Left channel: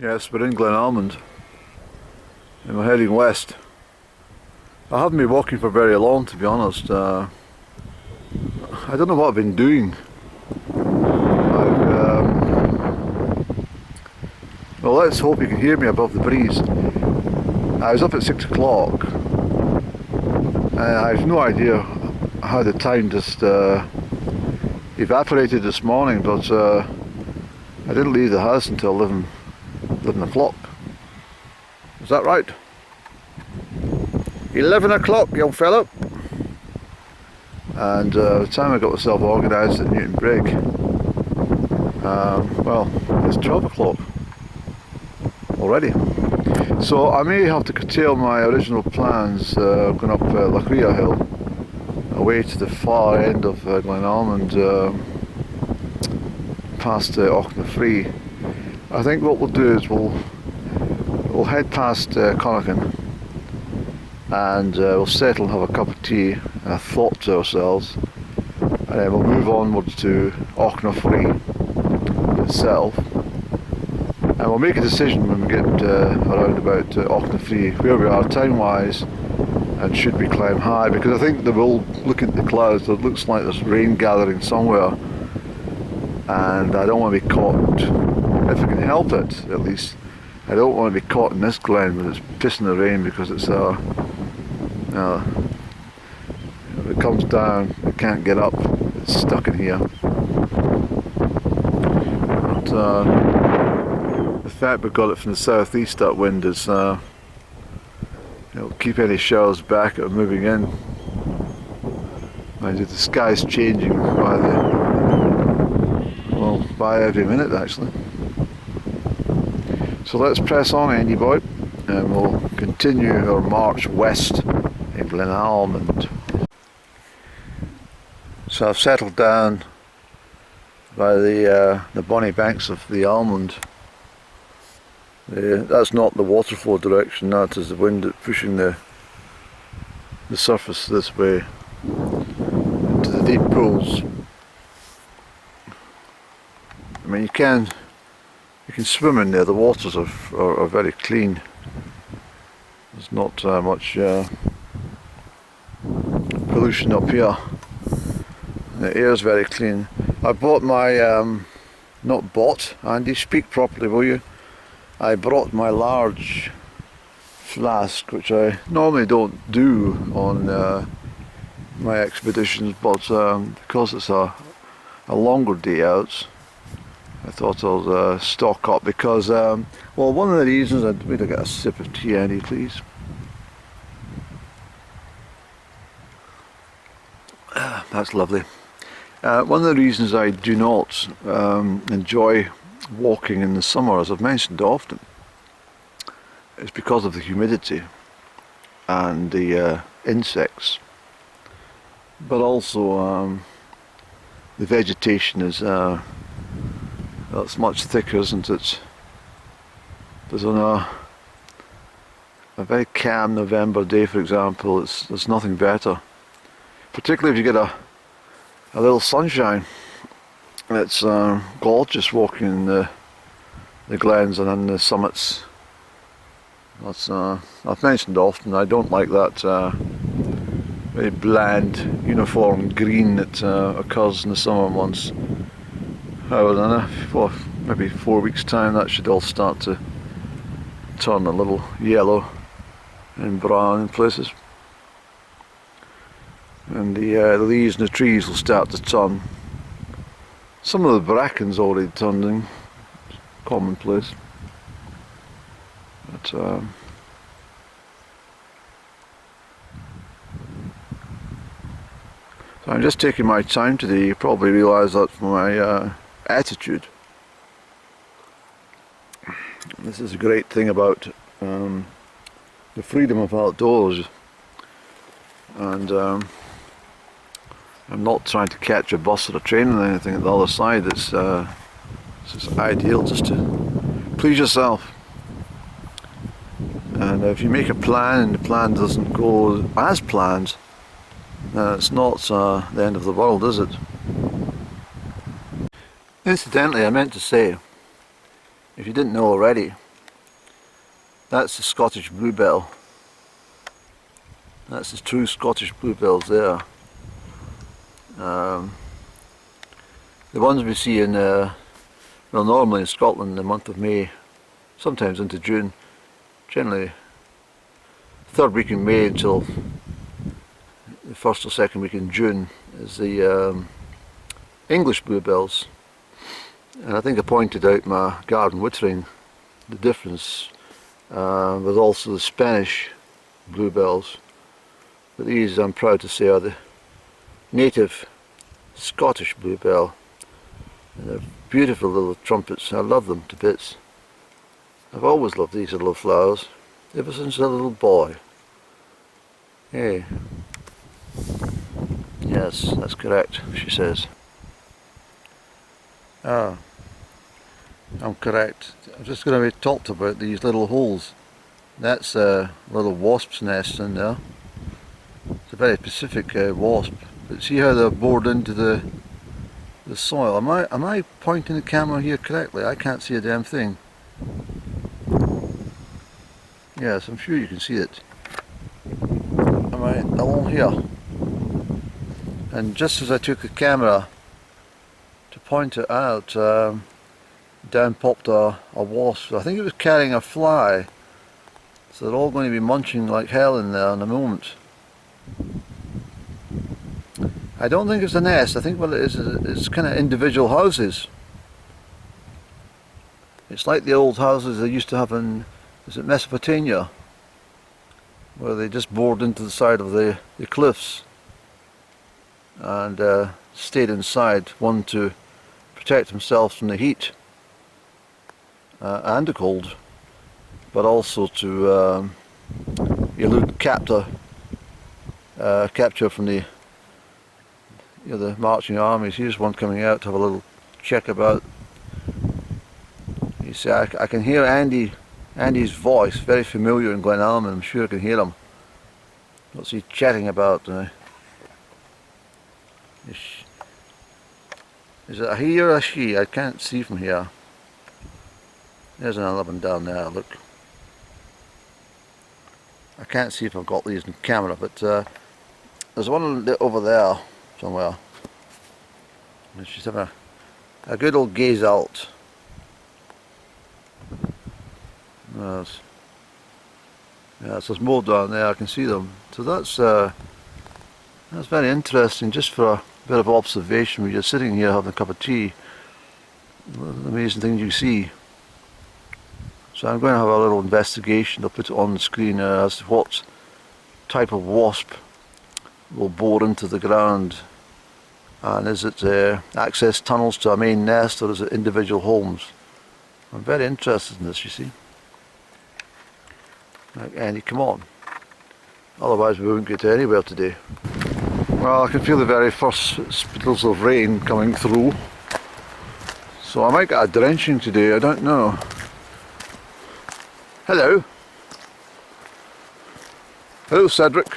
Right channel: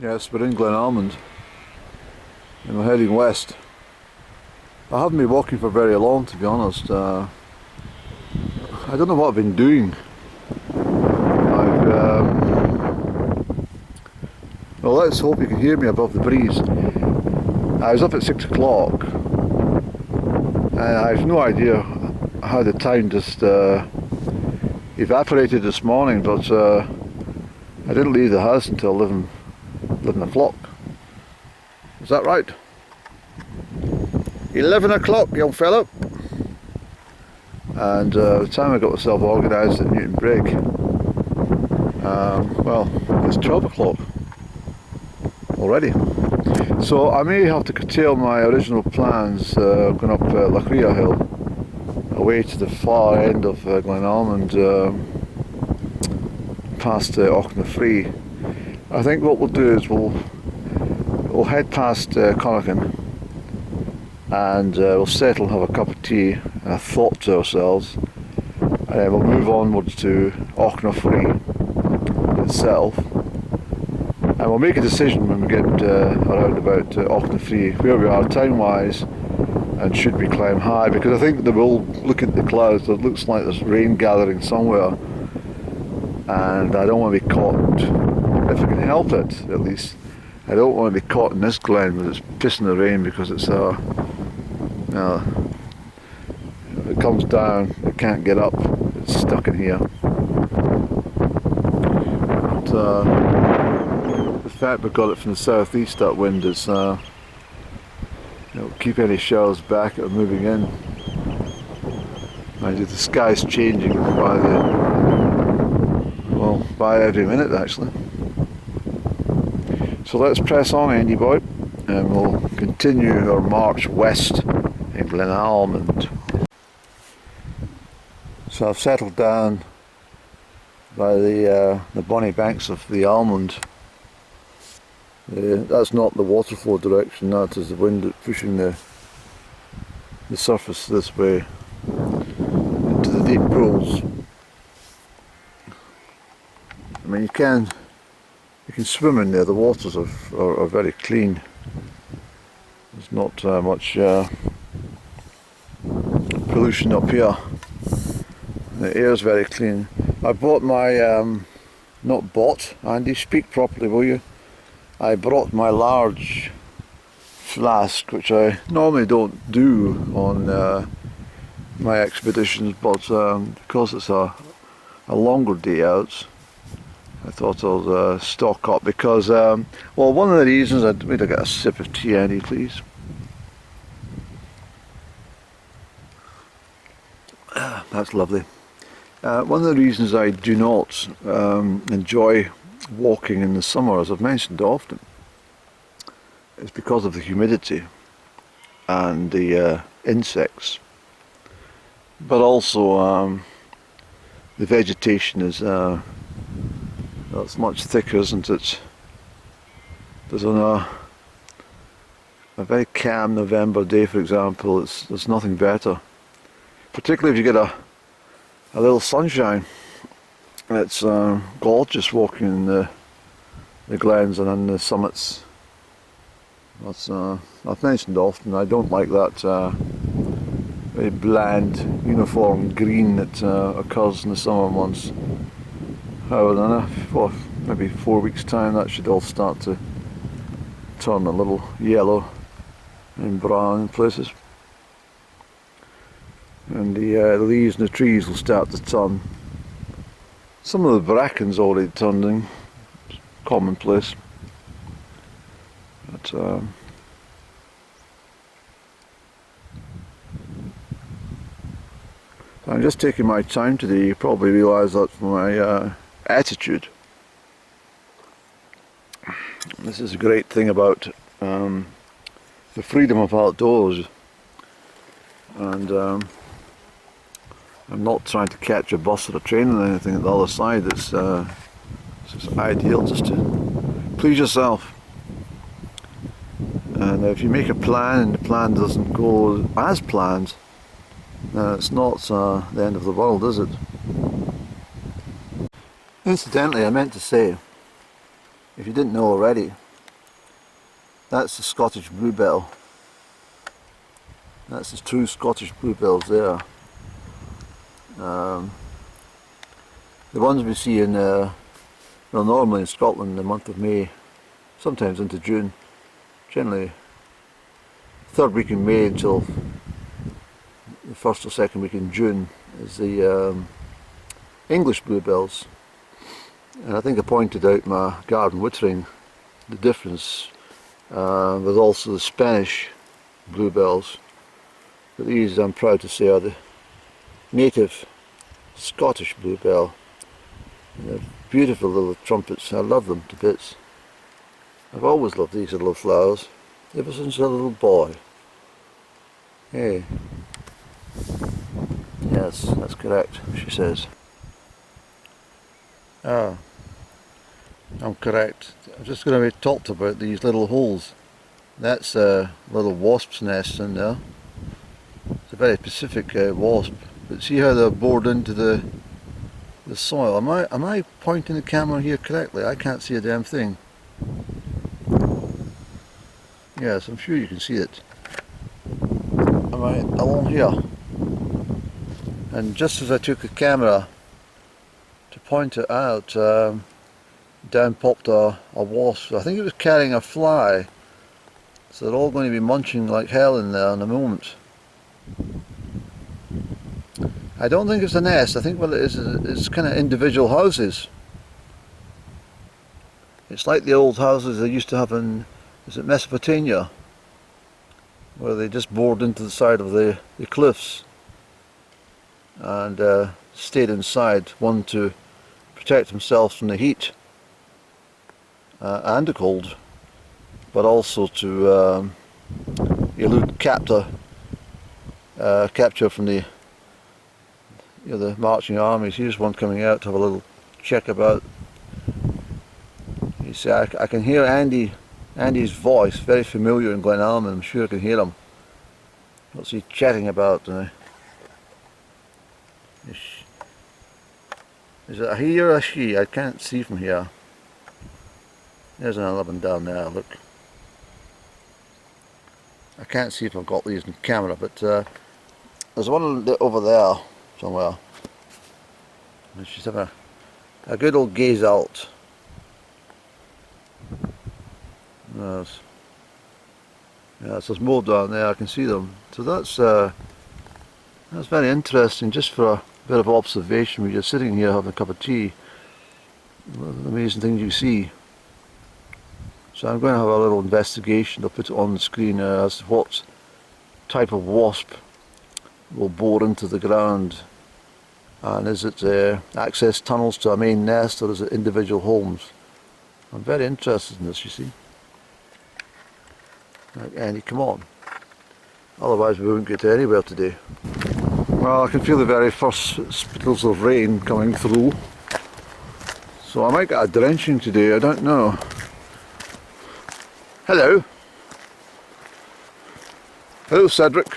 Yes, we're in Glen Almond and we're heading west. I haven't been walking for very long, to be honest. I don't know what I've been doing. Well, let's hope you can hear me above the breeze. I was up at 6 o'clock and I have no idea how the time just evaporated this morning, but I didn't leave the house until 11 o'clock. Is that right? 11 o'clock, young fellow. And the time I got myself organised at Newton Brig, well, it's 12 o'clock already. So I may have to curtail my original plans going up Crieff hill, away to the far end of Glen Almond, past Auchnafree. I think what we'll do is we'll head past Connaughton and we'll settle and have a cup of tea and a thought to ourselves, and then we'll move onwards to Auchnafree itself, and we'll make a decision when we get around about Auchnafree where we are time wise and should we climb high, because I think that we'll look at the clouds. It looks like there's rain gathering somewhere and I don't want to be caught, if I can help it at least. I don't want to be caught in this glen when it's pissing the rain, because it's if it comes down it can't get up, it's stuck in here. But the fact we got it from the southeast, that wind is keep any showers back or moving in. Mind you, the sky's changing by every minute actually. So let's press on, Andy boy, and we'll continue our march west in Glen Almond. So I've settled down by the bonny banks of the Almond. That's not the waterfall direction, that is the wind that's pushing the surface this way into the deep pools. I mean, you can swim in there. The waters are very clean. There's not much pollution up here. The air is very clean. I bought my not bought, Andy, speak properly will you? I brought my large flask, which I normally don't do on my expeditions, but because it's a longer day out, I thought I'll stock up, because well, one of the reasons I'd wait to get a sip of tea, Andy, please. That's lovely. One of the reasons I do not enjoy walking in the summer, as I've mentioned often, is because of the humidity and the insects, but also the vegetation is that's much thicker, isn't it? There's on a very calm November day, for example, there's nothing better, particularly if you get a little sunshine. It's gorgeous walking in the glens and on the summits. That's I've mentioned often, I don't like that very bland uniform green that occurs in the summer months. However, for maybe 4 weeks' time that should all start to turn a little yellow and brown in places, and the leaves and the trees will start to turn. Some of the bracken's already turning, it's commonplace, but so I'm just taking my time today. You probably realise that from my attitude. This is a great thing about the freedom of outdoors, and I'm not trying to catch a bus or a train or anything at the other side. It's just ideal just to please yourself. And if you make a plan and the plan doesn't go as planned, it's not the end of the world, is it? Incidentally, I meant to say, if you didn't know already, That's the Scottish bluebell. That's the true Scottish bluebells there. The ones we see in, well, normally in Scotland in the month of May, sometimes into June, generally third week in May until the first or second week in June is the English bluebells. And I think I pointed out my garden wittering the difference with also the Spanish bluebells. But these, I'm proud to say, are the native Scottish bluebell. And they're beautiful little trumpets. I love them to bits. I've always loved these little flowers, ever since I was a little boy. Hey. Yes, that's correct, she says. Ah, I'm correct. I'm just going to be talked about these little holes. That's a little wasp's nest in there. It's a very specific wasp. But see how they're bored into the soil. Am I pointing the camera here correctly? I can't see a damn thing. Yes, I'm sure you can see it. Am I along here? And just as I took the camera to point it out, down popped a wasp. I think it was carrying a fly. So they're all going to be munching like hell in there in a moment. I don't think it's a nest. I think what it is it's kind of individual houses. It's like the old houses they used to have in, is it Mesopotamia? Where they just bored into the side of the cliffs and stayed inside, one to protect themselves from the heat and the cold, but also to elude capture from the the marching armies. Here's one coming out to have a little check about. You see, I can hear Andy's voice, very familiar in Glen Almond. I'm sure I can hear him. What's he chatting about? Is it a he or a she? I can't see from here. There's another one down there, look. I can't see if I've got these in camera, but there's one over there somewhere. And she's having a good old gaze out. Yes, there's more down there, I can see them. So that's very interesting, just for a bit of observation. We're just sitting here having a cup of tea. Amazing things you see. So I'm going to have a little investigation. I'll put it on the screen as to what type of wasp will bore into the ground, and is it access tunnels to a main nest, or is it individual homes? I'm very interested in this, you see. Like, Andy, come on. Otherwise we won't get anywhere today. Well, I can feel the very first spittles of rain coming through. So I might get a drenching today, I don't know. Hello. Hello, Cedric.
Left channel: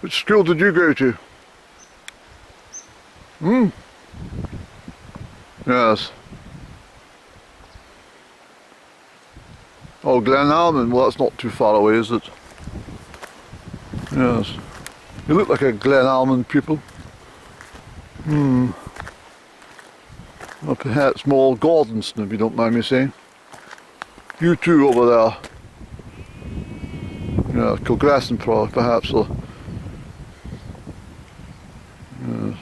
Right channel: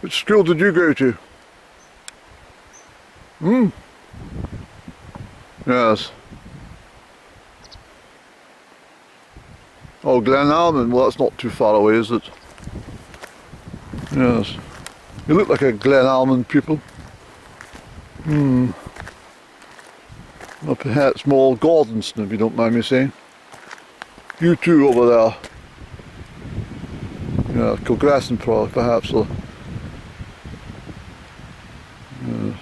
Which school did you go to? Yes. Oh, Glen Almond. Well, that's not too far away, is it? Yes. You look like a Glen Almond pupil. Or perhaps more Gordonston, if you don't mind me saying. You two over there. Yeah, Kilgraston perhaps. Or, yes.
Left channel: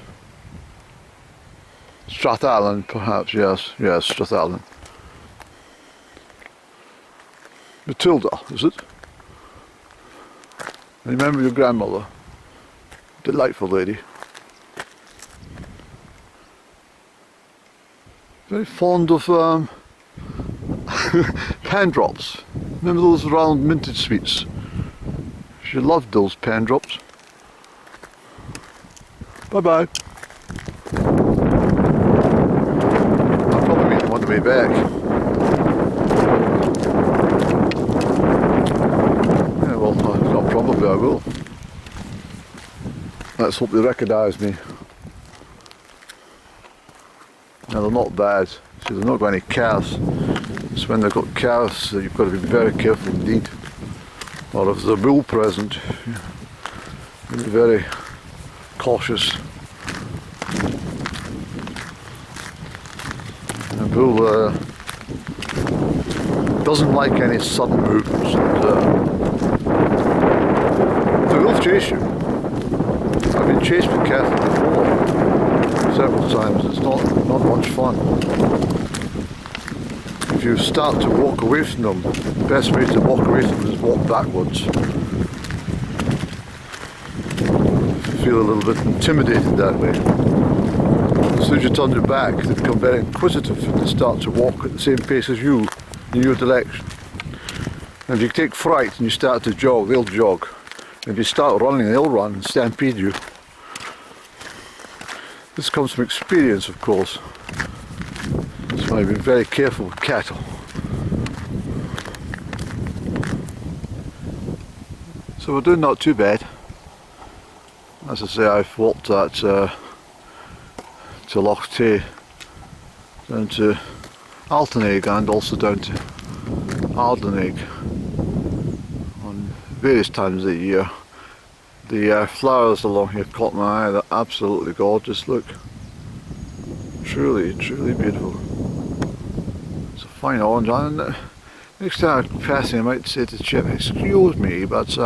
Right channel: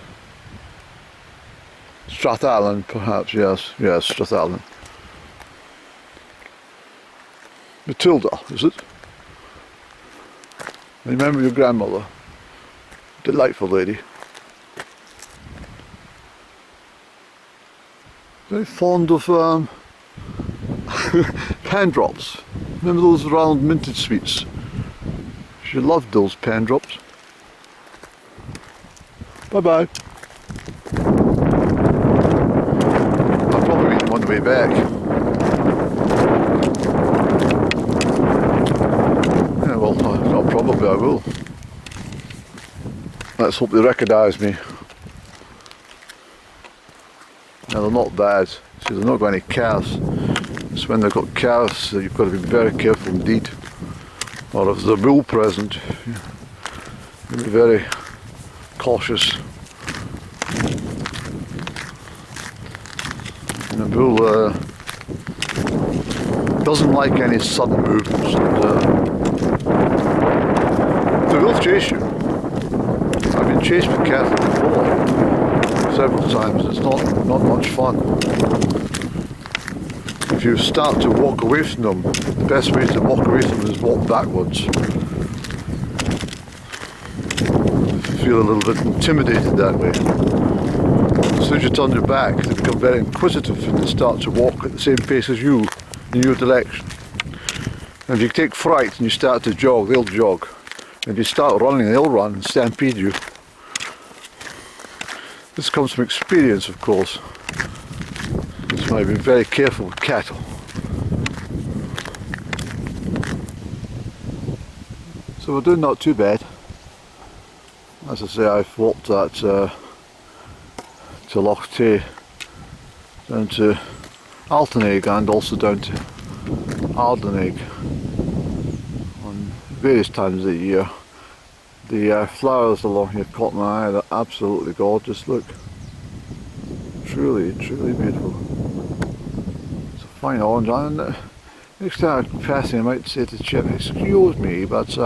Strathallan, perhaps, yes. Yes, Strathallan. Matilda, is it? I remember your grandmother. Delightful lady. Very fond of pen drops. Remember those round minted sweets? She loved those pen drops. Bye bye. I'll probably meet them on the way back. Yeah, well, not probably, I will. Let's hope they recognise me. Now they're not bad, see they've not got any calves. It's when they've got calves that you've got to be very careful indeed. Or if there's a bull present, you'll be very cautious. And a bull doesn't like any sudden movements, and they will chase you. I've been chased with cattle before, several times. It's not much fun. If you start to walk away from them, the best way to walk away from them is walk backwards. Feel a little bit intimidated that way. As soon as you turn your back, they become very inquisitive and they start to walk at the same pace as you, in your direction. And if you take fright and you start to jog, they'll jog. And if you start running, they'll run and stampede you. This comes from experience, of course. That's why be very careful with cattle. So we're doing not too bad. As I say, I've walked that to Loch Tay, down to Altenegg and also down to Ardennegg on various times of the year. The flowers along here caught my eye. They're absolutely gorgeous. Look, truly beautiful. It's a fine orange, and next time I'm passing I might say to Chip, excuse me, but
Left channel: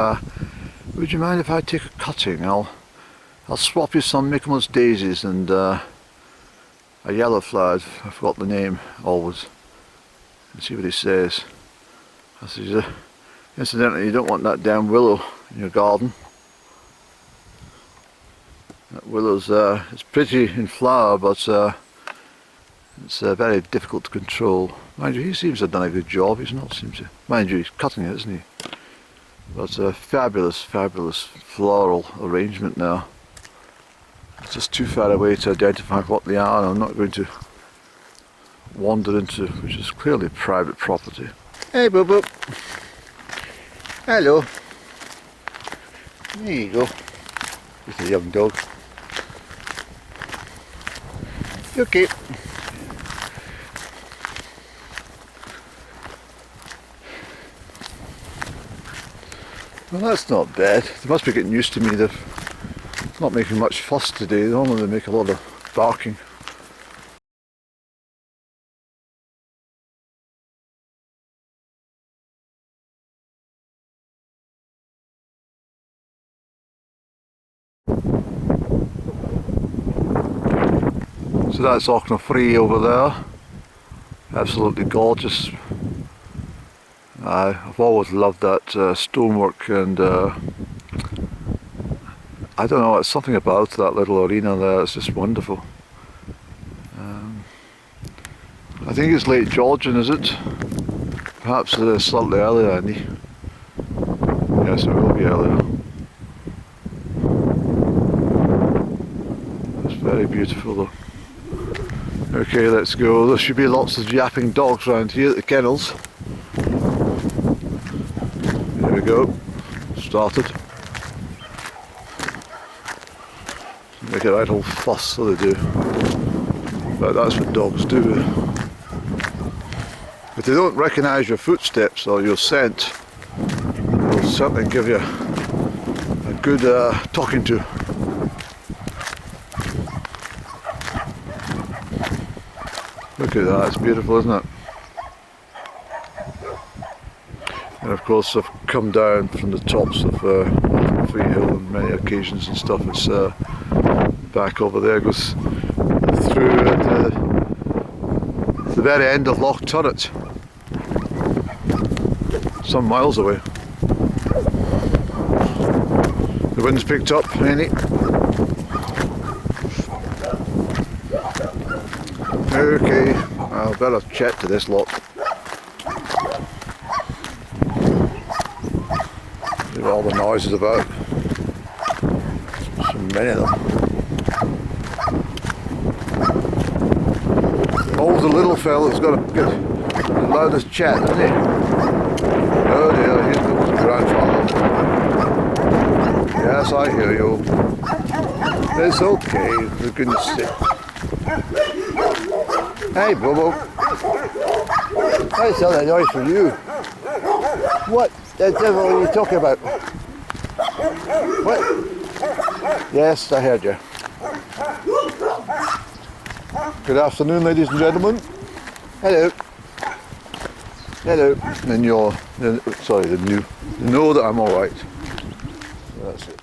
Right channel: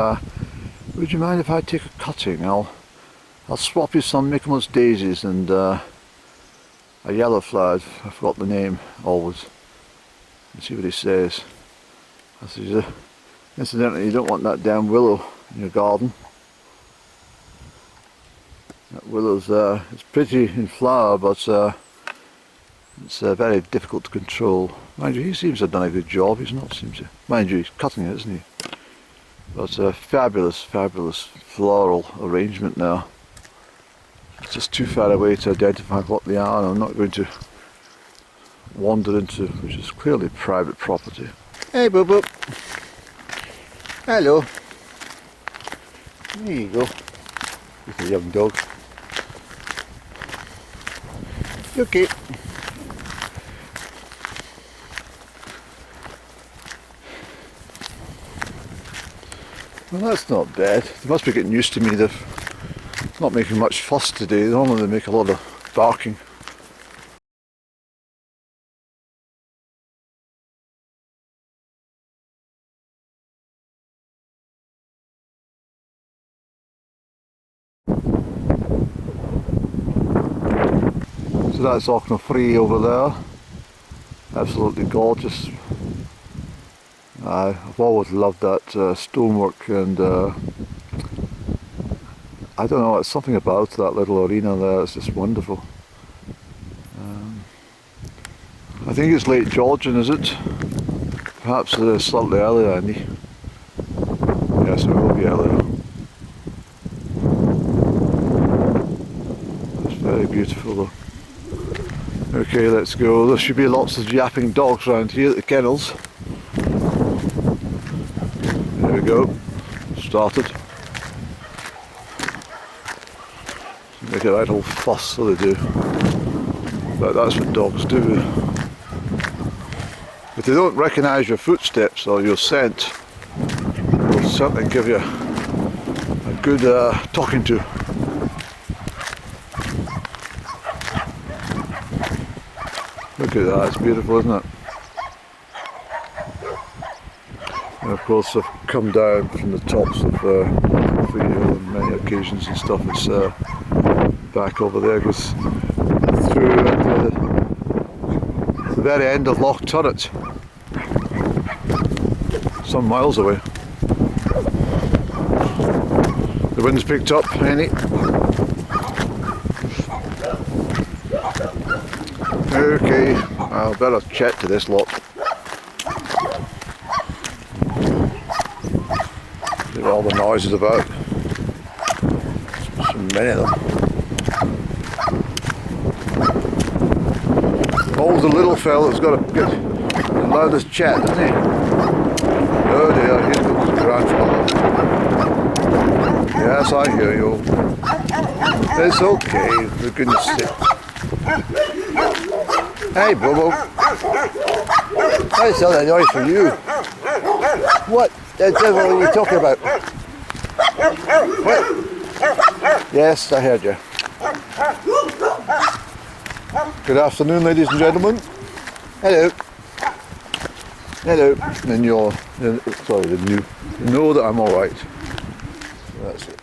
would you mind if I take a cutting? I'll swap you some Michaelmas daisies and a yellow flower, I forgot the name always, and see what he says. I says, incidentally, you don't want that damn willow in your garden. That willow's it's pretty in flower, but it's very difficult to control. Mind you, he seems to have done a good job. He's not seems to. Mind you, he's cutting it, isn't he? But fabulous floral arrangement now. It's just too far away to identify what they are, and I'm not going to wander into, which is clearly private property. Hey, Boo Boo. Hello. There you go. With a young dog. You okay? Well, that's not bad. They must be getting used to me. They're not making much fuss today. Normally they make a lot of barking. So that's Auchnafree over there. Absolutely gorgeous. I've always loved that stonework, and I don't know, it's something about that little arena there, it's just wonderful. I think it's late Georgian, is it? Perhaps slightly earlier, Andy. Yes, it will be earlier. It's very beautiful though. Okay, let's go. There should be lots of yapping dogs around here at the kennels. There we go. Started. Make a right old fuss, so they do. But that's what dogs do. If they don't recognise your footsteps or your scent, they'll certainly give you a good talking to. Look at that, it's beautiful, isn't it? And of course I've come down from the tops of Auchnafree Hill on many occasions and stuff. It's back over there, goes through at the very end of Loch Turret, some miles away. The wind's picked up, Henny. Okay, I'll better chat to this lot. There's all the noises about. So many of them. Oh, the little fella's got to get the loudest chat, isn't he? Oh dear, here comes his grandfather. Yes, I hear you. It's okay, for goodness sake. Hey, Bobo. I saw that noise from you. What the devil are you talking about? What? Yes, I heard you. Good afternoon, ladies and gentlemen. Hello. Hello. Then you're, sorry, then you know that I'm all right. That's it.